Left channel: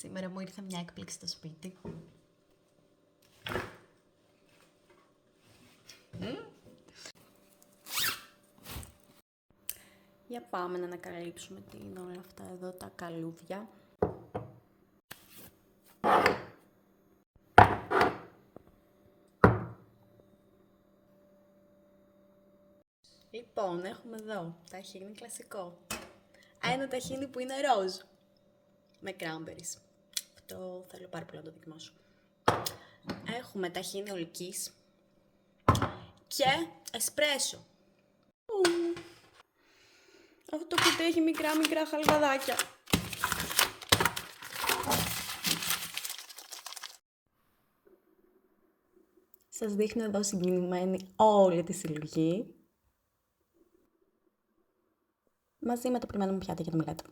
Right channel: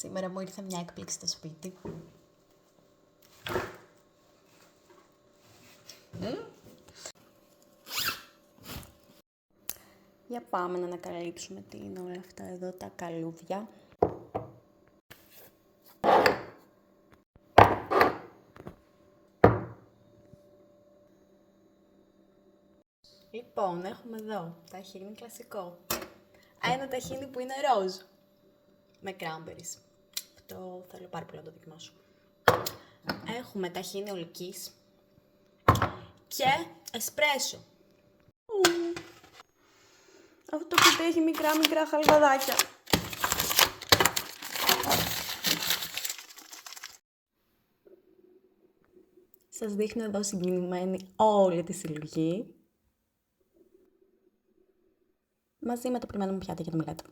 Σήμερα μου ήρθε μια έκπληξη στο σπίτι. Για πάμε να ανακαλύψουμε τι είναι όλα αυτά εδώ τα καλούδια. Λοιπόν, έχουμε εδώ ταχίνι κλασικό. Ένα ταχίνι που είναι ροζ. Με cranberries. Αυτό θέλω πάρα πολύ να το δοκιμάσω. Έχουμε ταχίνι ολικής. Και εσπρέσο. Αυτό το κουτί έχει μικρά χαλβαδάκια. Σας δείχνω εδώ συγκινημένη όλη τη συλλογή. Μαζί με το πλημμένο μου πιάτα για το μελέτο.